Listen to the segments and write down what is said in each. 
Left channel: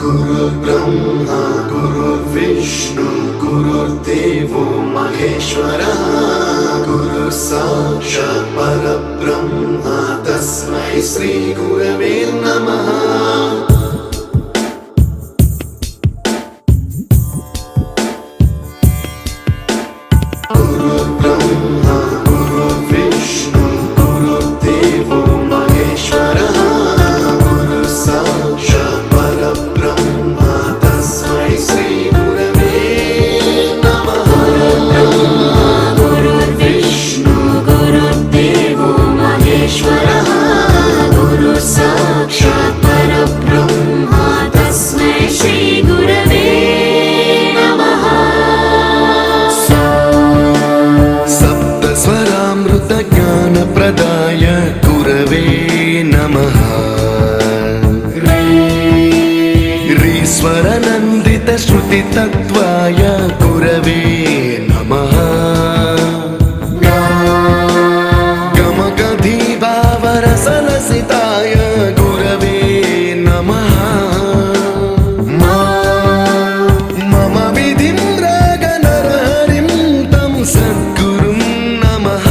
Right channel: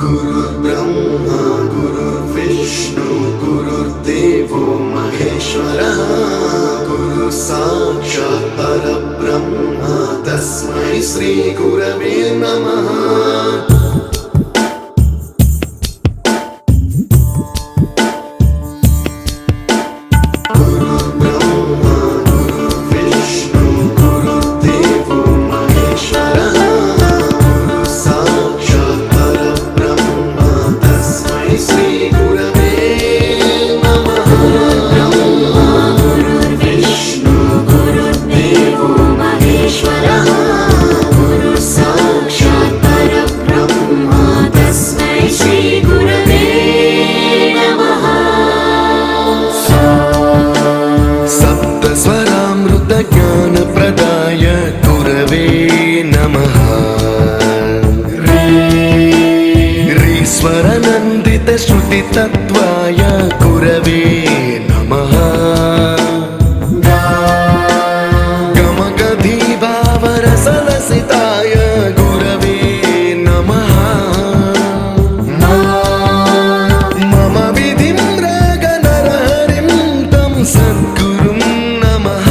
गुरुर्ब्रह्मा गुरुर्विष्णु गुरुर्देवो महेश्वरः गुरु साक्षात् परब्रह्म तस्मै श्री गुरवे नमः। ज्ञानप्रदाय गुरवे नमः। ह्रीश्वरनन्दितश्रुतितत्त्वाय गुरवे नमः। गमगधीभावरसलसिताय गुरवे नमः। मम विधिं रागनरहरिं तं सद्गुरुं नमः।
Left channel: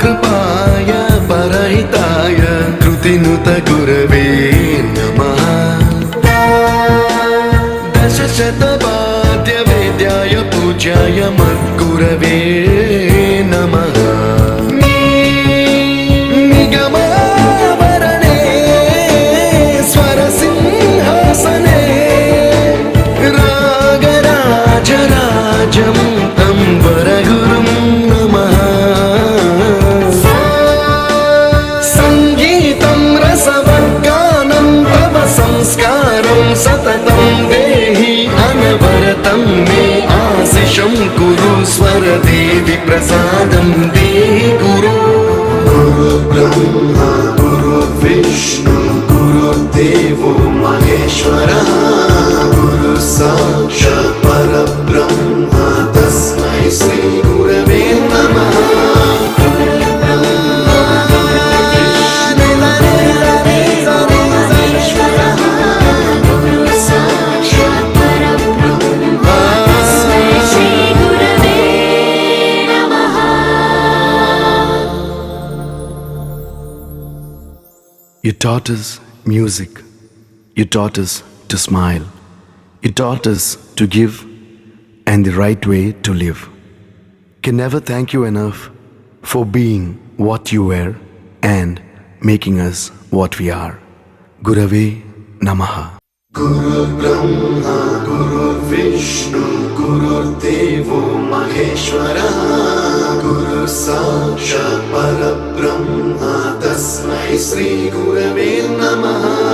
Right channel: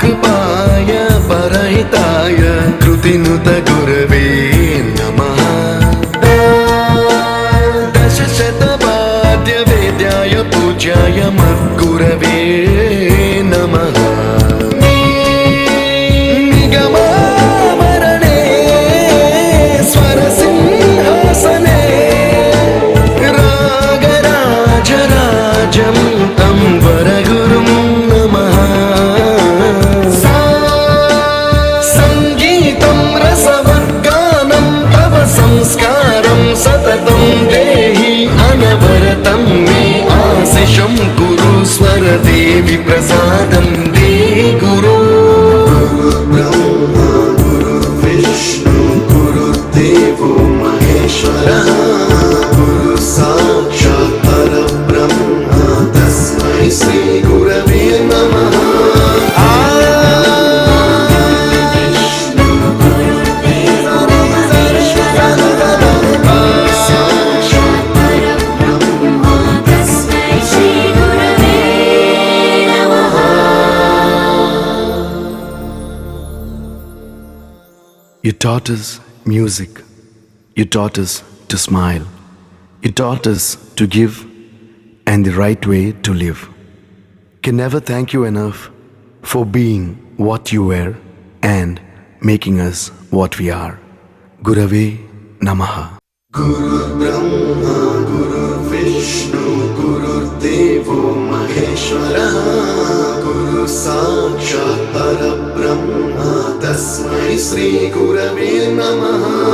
कृपाय परहिताय कृतिनुत गुरवे नमः। दशशतवाद्यवेद्याय पूज्याय मद्गुरवे नमः। निगमावरणे स्वरसिंहासने रागराजराजं तं वरगुरुं नमः। संस्कारं सततं देहि अनवरतं मे आशिषं कुरु स्वरदेवि प्रसादं देहि गुरो। गुरुर्ब्रह्मा गुरुर्विष्णु गुरुर्देवो महेश्वरः गुरु साक्षात् परब्रह्म तस्मै श्री गुरवे नमः। You taught us music. You taught us to smile. You taught us to give and the right way to live. Can never thank you enough for being what you were and making us what we are. Gurave Namaha. गुरुर्ब्रह्मा गुरुर्विष्णु गुरुर्देवो महेश्वरः गुरु साक्षात् परब्रह्म तस्मै श्री गुरवे नमः।